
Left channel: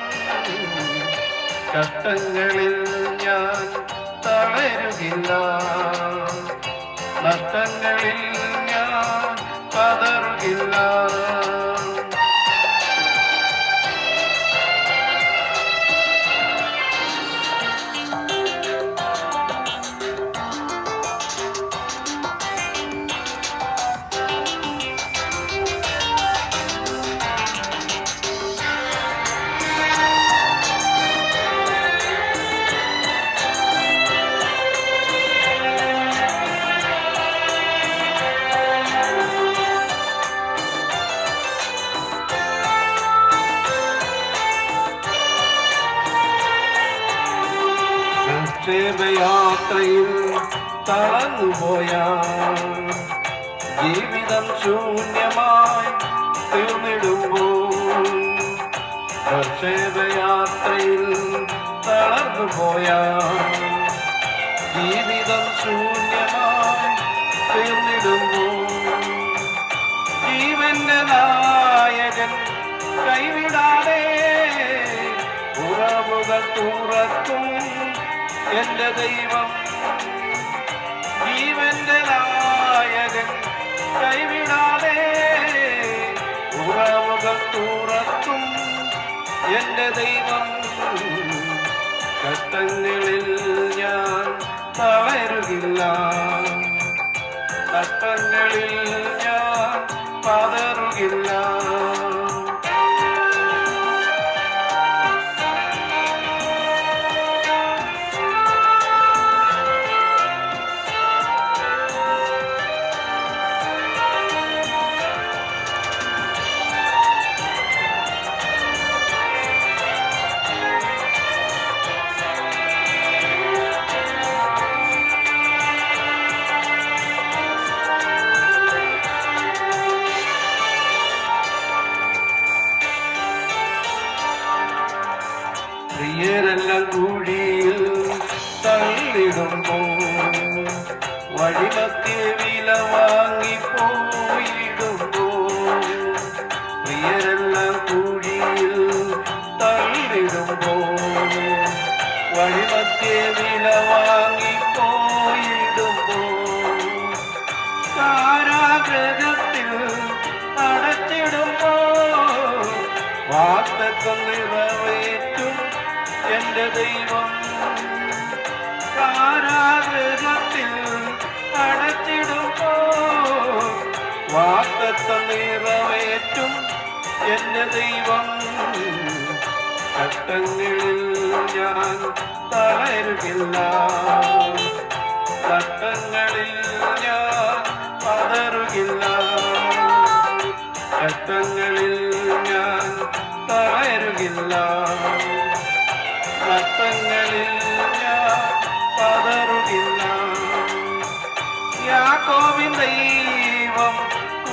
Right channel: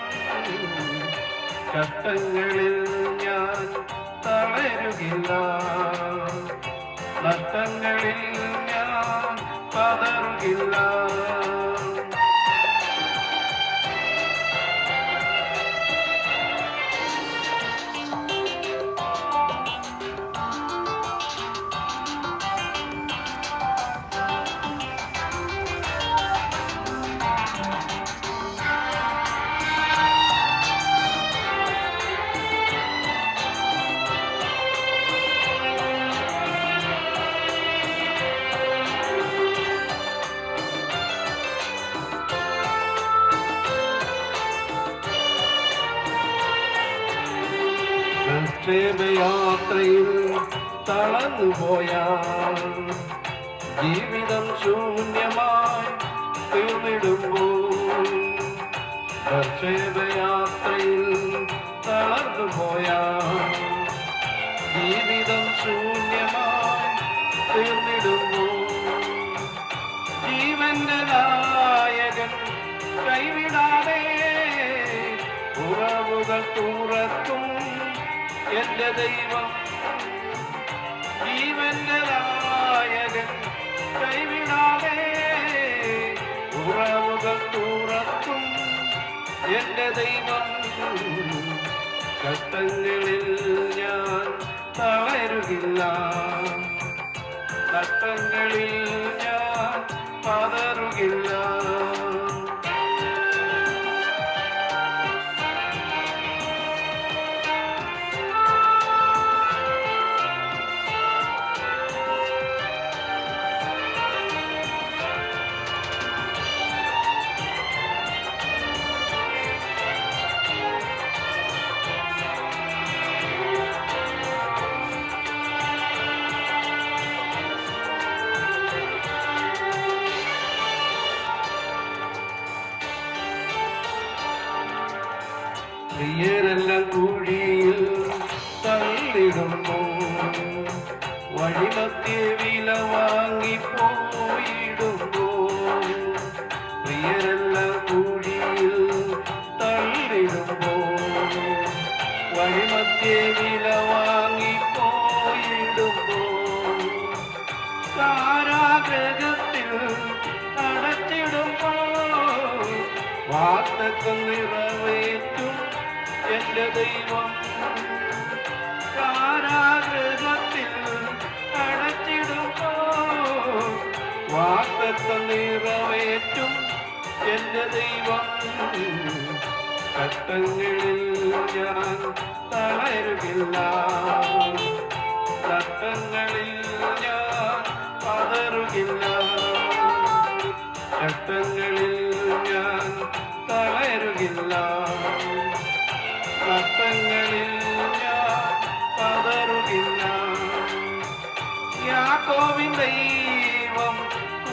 S4: കഷ്ടങ്ങളിൽ ഞാൻ തളരുകില്ല. നഷ്ടങ്ങളിൽ ഞാൻ ജീവിതം ശൂന്യമായി തീർന്നിടുമ്പോൾ ജീവന്റെ നായകൻ കൈവിടാതെ ഉറവുകൾ തുറക്കും എന്റെ ദൈവം. ജീവന്റെ നായകൻ കൈവിടാതെ ഉറവുകൾ തുറക്കും എന്റെ ദൈവം. കഷ്ടങ്ങളിൽ ഞാൻ തളരുകില്ല. കഷ്ടങ്ങളിൽ ഞാൻ പതറുകില്ല വാർത്തക്കം നിറവേറ്റും എന്റെ ദൈവം. കഷ്ടങ്ങളിൽ ഞാൻ തളരുകില്ല. കഷ്ടങ്ങളിൽ ഞാൻ പതറുകില്ല. കഷ്ടങ്ങളിൽ ഞാൻ തളരുകില്ല. കഷ്ടങ്ങളിൽ ഞാൻ പതറുകില്ല. യാക്കോവിൻ ഈ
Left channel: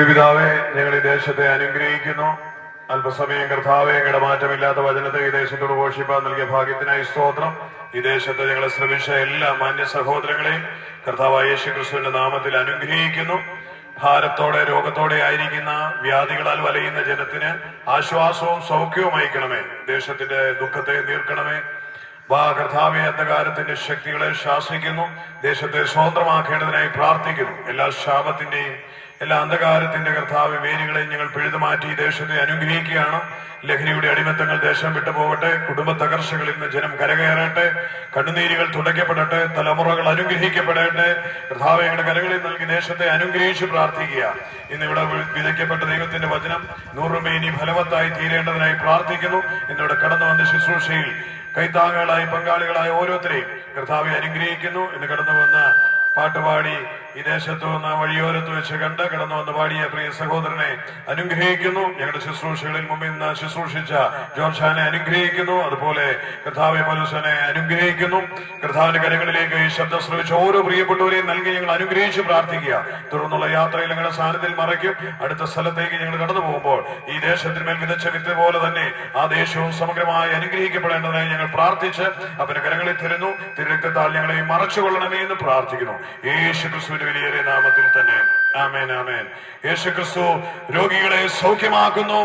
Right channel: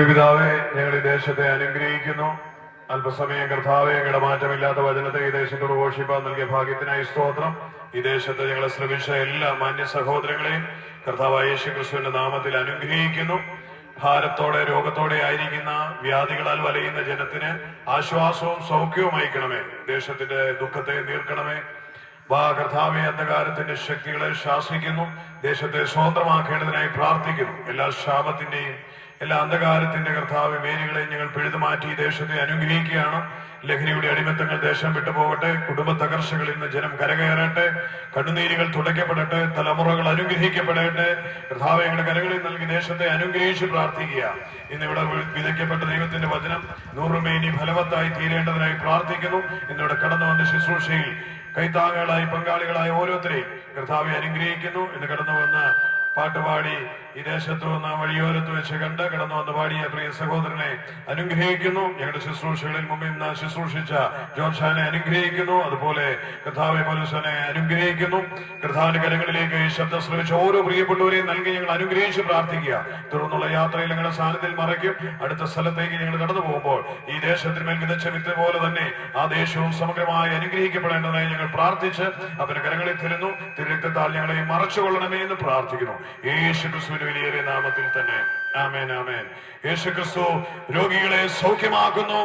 S5: പ്രിയപിതാവെ ഞങ്ങൾ ഈ ദേശത്തെ അനുഗ്രഹിക്കുന്നു. അല്പസമയം കർത്താവെ ഞങ്ങളുടെ മാറ്റമില്ലാത്ത വചനത്തെ ഈ ദേശത്തോട് ഘോഷിപ്പാൻ നൽകിയ ഭാഗ്യത്തിനായി സ്തോത്രം. ഈ ദേശത്തെ ഞങ്ങളെ ശ്രമിച്ച എല്ലാ മാന്യ സഹോദരങ്ങളെയും കർത്താവ് യേശു ക്രിസ്തുവിന്റെ നാമത്തിൽ അനുഗ്രഹിക്കുന്നു. ഭാരത്തോടെ രോഗത്തോടെ ആയിരിക്കുന്ന വ്യാധികളാൽ വലയുന്ന ജനത്തിന് ആശ്വാസവും സൗഖ്യവും അയക്കണമേ. ദേശത്തിന്റെ ദുഃഖത്തെ നീർക്കണമേ. വാ കർത്താവെ അന്ധകാരത്തിന്റെ ശക്തികളെ ശാസിക്കുന്നു. ദേശത്തെ സ്വതന്ത്രമാക്കേണ്ടതിനായി പ്രാർത്ഥിക്കുന്നു. എല്ലാ ശാപത്തിന്റെയും എല്ലാ അന്ധകാരത്തിന്റെ കർത്താവ് വേരുകളെ ഞങ്ങൾ പിഴുതു മാറ്റി ഈ ദേശത്തെ അനുഗ്രഹിക്കുകയാണ്. ലഹരിയുടെ അടിമത്തങ്ങൾ ദേശം വിട്ടുപോകട്ടെ കുടുംബ തകർച്ചകളിൽ നിന്ന് ജനം കരകയറട്ടെ കണ്ണുനീരുകൾ തുടയ്ക്കപ്പെടട്ടെ തലമുറകൾ അനുഗ്രഹിക്കപ്പെടട്ടെ. കർത്താവ് കരകളിൽ നൽകി ദേശത്തെ അനുഗ്രഹിച്ച് പ്രാർത്ഥിക്കുക. ഇന്നിവിടെ വിതയ്ക്കപ്പെട്ട ദൈവത്തിന്റെ വചനം നൂറുമേനി ഫലവത്തായി തീരേണ്ടതിനായി പ്രാർത്ഥിക്കുന്നു. ഇന്നിവിടെ കടന്നു വന്ന ശുശ്രൂഷയിൽ കൈത്താങ്ങുകളായി പങ്കാളികളായ ഓരോരുത്തരെയും കർത്താവെ അനുഗ്രഹിക്കുന്നു. ഇന്ന് കടന്നു വന്ന പാട്ടുപാടി ഈ ദേശത്ത് വന്ന വഴിയോരത്ത് വെച്ച് കണ്ട് കടന്നു വന്ന് പാടിയ പ്രിയ സഹോദരനെ അനുഗ്രഹിക്കുന്നു. ഞങ്ങളുടെ ശുശ്രൂഷകളിൽ മുമ്പിൽ നിന്ന് ശുശ്രൂഷിച്ച ജോർഷാനെ അനുഗ്രഹിക്കുന്നു. അതുപോലെ കർത്താവെ മനുഷ്യനെ അനുഗ്രഹിക്കുന്നു. കർത്താവിന്റെ കരങ്ങളിലേക്ക് ഈ ശബ്ദം ശ്രമിച്ച ഓരോ പ്രിയപ്പെട്ടവരെയും നൽകി ഞങ്ങൾ അനുഗ്രഹിച്ച് പ്രാർത്ഥിക്കുക. തുടർന്നുള്ള യാത്രയിൽ ഞങ്ങളുടെ സാന്നിധ്യം മറയ്ക്കും. അടുത്ത സ്ഥലത്തേക്ക് ഞങ്ങൾ കടന്നു പോകുമ്പോൾ ഈ ദേശത്തിന്മേൽ വിതച്ച വിത്ത് പോലെ തന്നെ ആ ദേശവും സമഗ്രമായി അനുഗ്രഹിക്കപ്പെടേണ്ടതായി ഞങ്ങൾ പ്രാർത്ഥിച്ച് അവന്റെ കരങ്ങളിൽ തരുന്നു തിരുരക്തത്താൽ ഞങ്ങളെ മറച്ചുകൊള്ളണമേ എന്ന് പ്രാർത്ഥിക്കുന്നു. യേശു ക്രിസ്തുവിന്റെ വിലയേറിയ നാമത്തിൽ തന്നെ ആമേൻ ആമേൻ യേശുക്രിസ്തു രോഗികളെ സൗഖ്യമാക്കുന്നു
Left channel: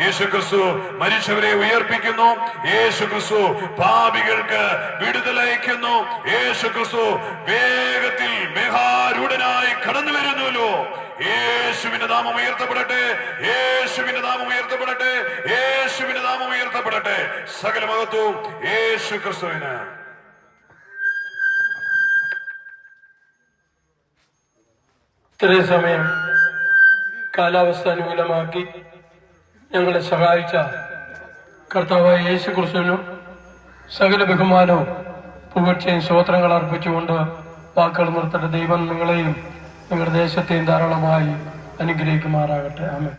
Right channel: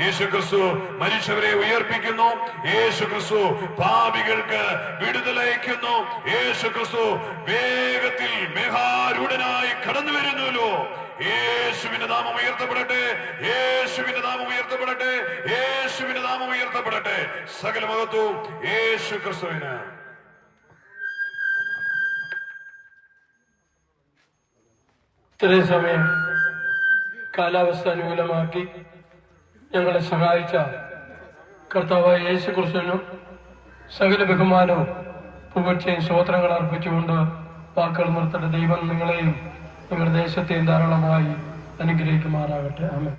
S5: യേശുക്രിസ്തു മരിച്ചവരെ ഉയർപ്പിക്കുന്നു യേശുക്രിസ്തു പാപികൾക്ക് വിടുതലയക്കുന്നു യേശുക്രിസ്തു വേഗത്തിൽ മേഘാരൂഢനായി കടന്നു വരുന്നുവല്ലോ യേശുവിന്റെ നാമം ഉയർത്തപ്പെടട്ടെ യേശുവിന്റെ നാമം ഉയർത്തപ്പെടട്ടെ യേശുവിന്റെ നാമം ഉയർത്തപ്പെടട്ടെ സകല മഹത്വവും യേശു ക്രിസ്തുവിന്
S6: ഇത്രയും സമയം കാലാവസ്ഥ അനുകൂലമാക്കി ഞങ്ങളെ സഹായിച്ച കർത്താവായ യേശു ക്രിസ്തുവിനും സകല ബഹുമാനവും പുകഴ്ചയും സ്വോത്രങ്ങൾ അർപ്പിച്ചുകൊണ്ട് വാക്കുകൾ നിർത്തേണ്ട ദൈവം നിങ്ങളെയും നിങ്ങളുടെ ദേശത്തെയും ധാരാളമായി അനുഗ്രഹിക്കുമാറാകട്ടെ. ആമേൻ.